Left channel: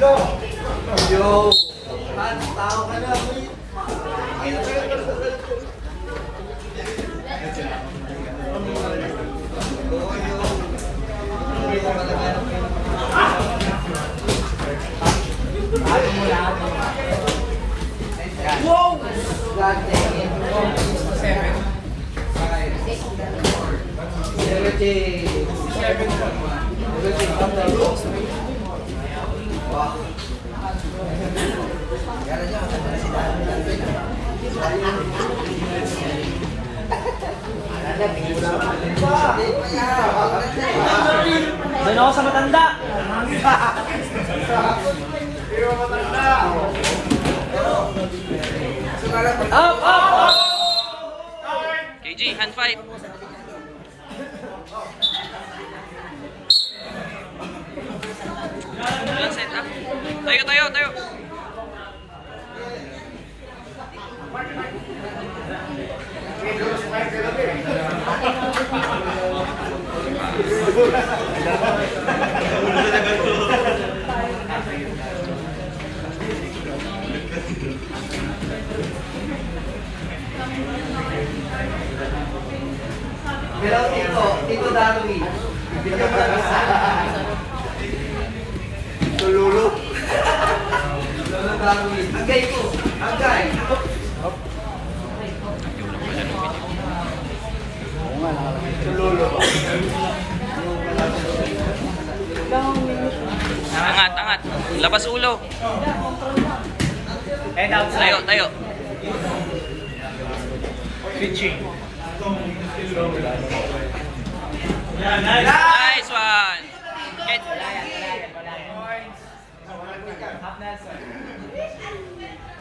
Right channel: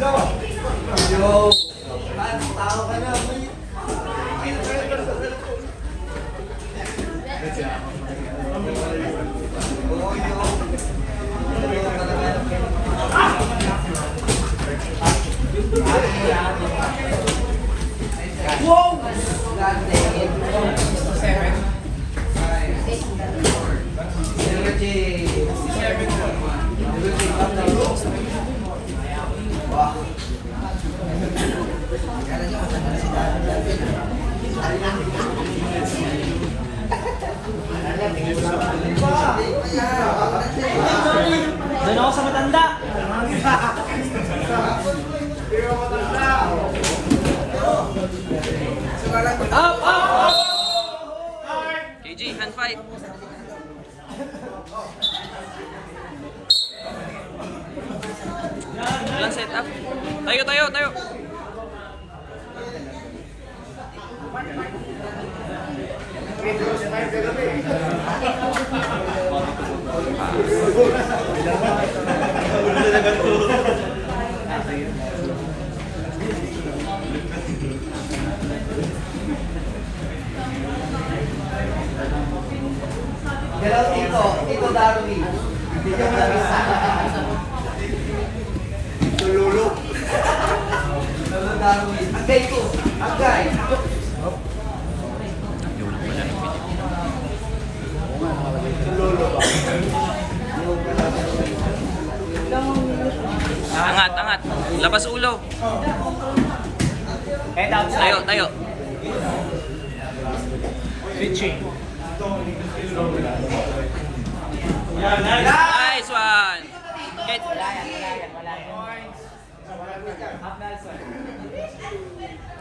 Yo! Tao ka na. Wow! Doon ako sa matanda. KG, hand fight. Walang set up. Tayo, tayo, tayo. Pero Tito Darwin. Tululog. Tito Darwin. Agay ko. Agay. Hindi ko lang pala ng video. Tululog. Angat, angat. Labas ulo. Tayo, tayo. Pitching. Nice one. Get.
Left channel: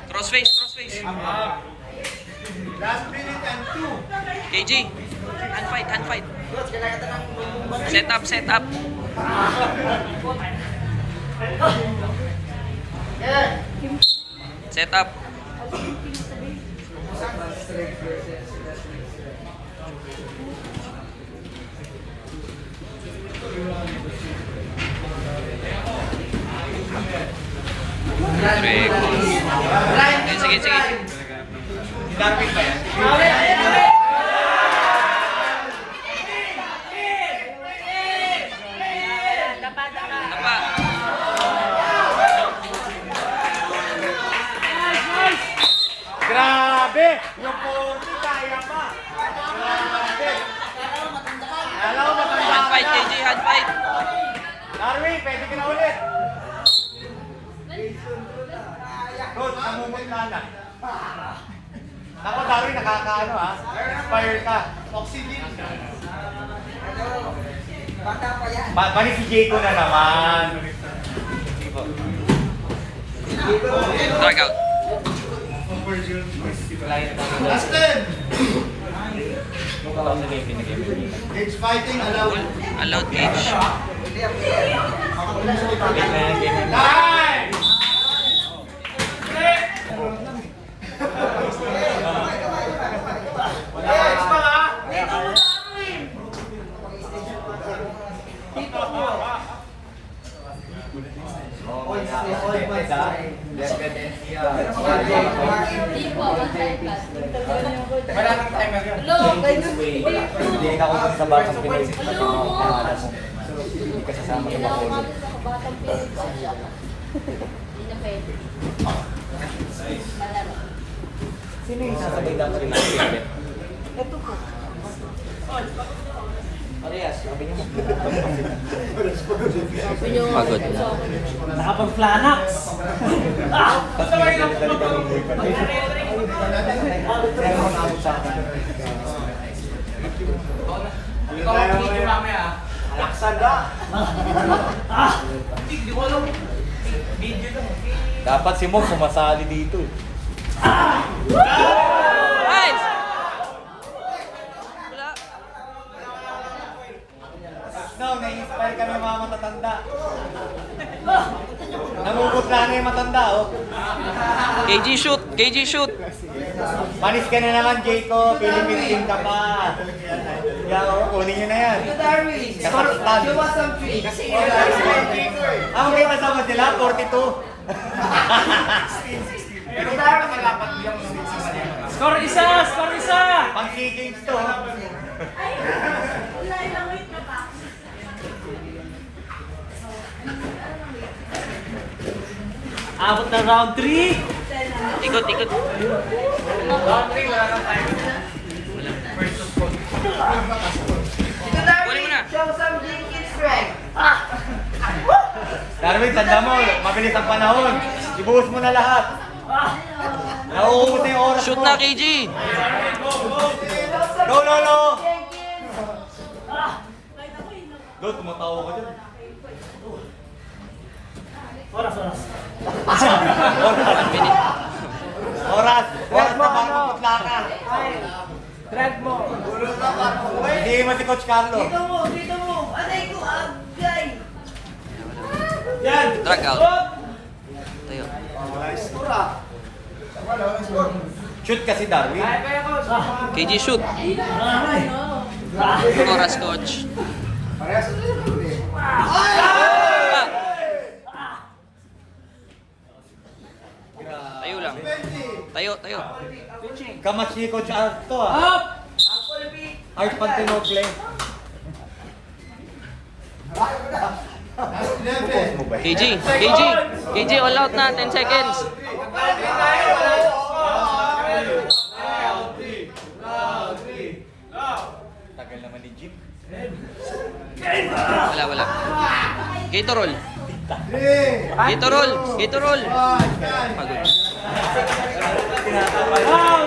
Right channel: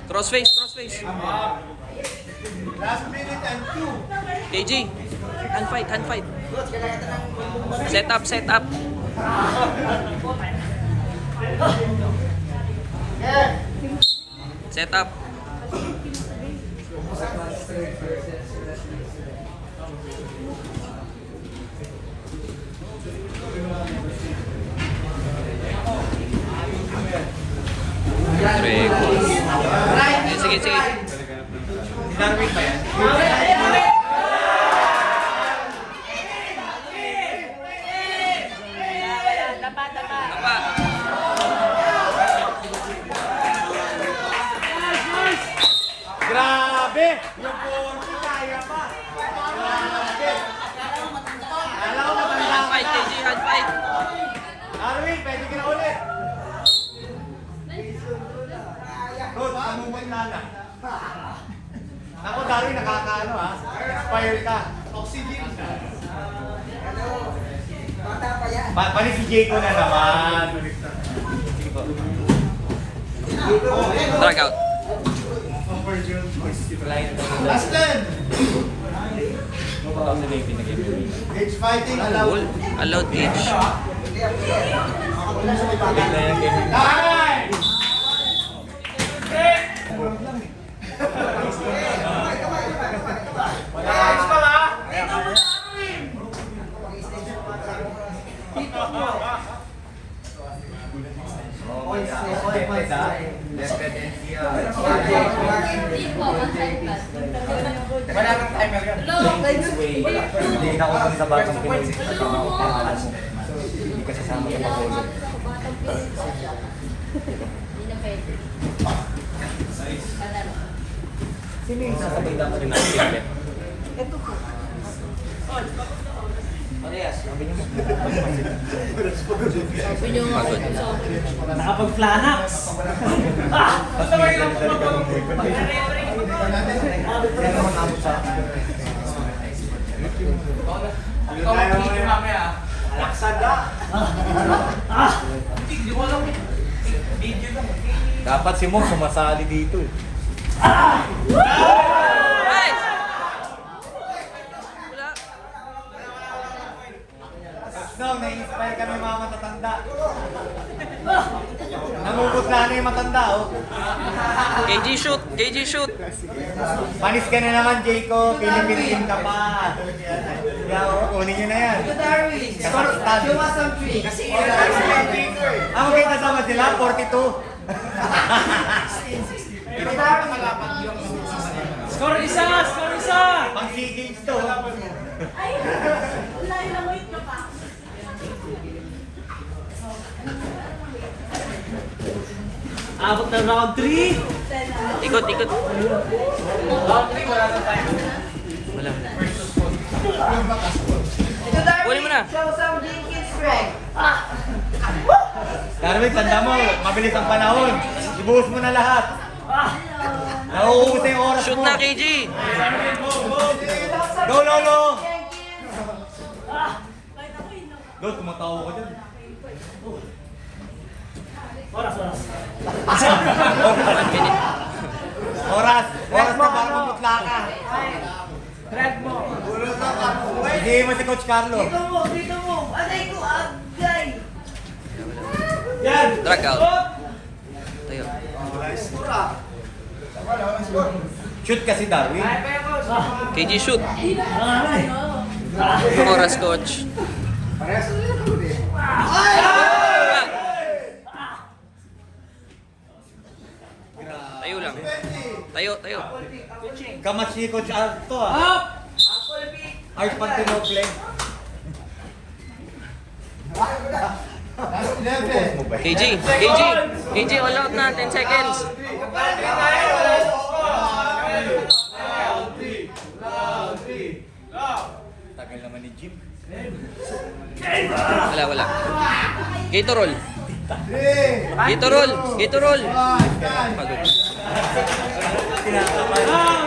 Crossface, crossface. Last minute and 2. KG, hand fight, hand fight. Set up, set up. Set up. Correct. Eh, sige, sige. Darwin ba yan? Tapa. Grabe! Yung punti kaya pa. Grabe! Hand fight, KG, hand fight. Darwin, pwede ka na ulit. Good, samungin na lang. Ako Darwin, nakakaano ha? Fire ka. Oxygen ka. Balik si Jayco na naman. Drag out. Last turn! It's fighting allowed. Full. Allowed cage. Time! Wala ka pa ha? Wala nang timer yun. Hindi na ako kasi sa batang Pinoy. Hindi kasi sa mga kapolo. Sino yung sasabay natin? Ito po. Alias, sabi niyo. Pagod na. Nakapag-flanax. Dapat si Mo sumasali dito. Nice! Wala. No, na-inspire ka ng mga matatanda. Namumutla na yung matanda, oh. KG shoot, KG shoot. Panis ka na naman, Jayco. Pilipin ka pa. Kunin nyo na yan. Score, you want some free. Ang may kasama sila, 45 Pero kaya nakalapat yung Score isa! Score isa! pang-games to. Abot ng round 3. Ikot, ikot. Wala. Kunin mo na. Darwin, tanda mo, mabilis ang panahon. Ibuhos mo na lahat. Nauubos na yung oras Shoot mo. na, KG. Go, Lolo! Go, tumatawa ka dyan. Oras, oras. Oras na bago putla ka. Drag mo. Hindi mo si Coach Carlo. Dito mo. Aray ko, agay. Yan. Drag out. Tayo. Shoot kasi Darwin. KG, shoot. Ay. Yung oras, coach. Tayo lang. Tayo, tayo. Kamas si Coach Arto ah. Up. Art Pantinople. KG, all out na. 10 seconds. Tagal naman ni Jim. Wala. Gatorol. Gatorol. Gatorol. Pagod. Ah.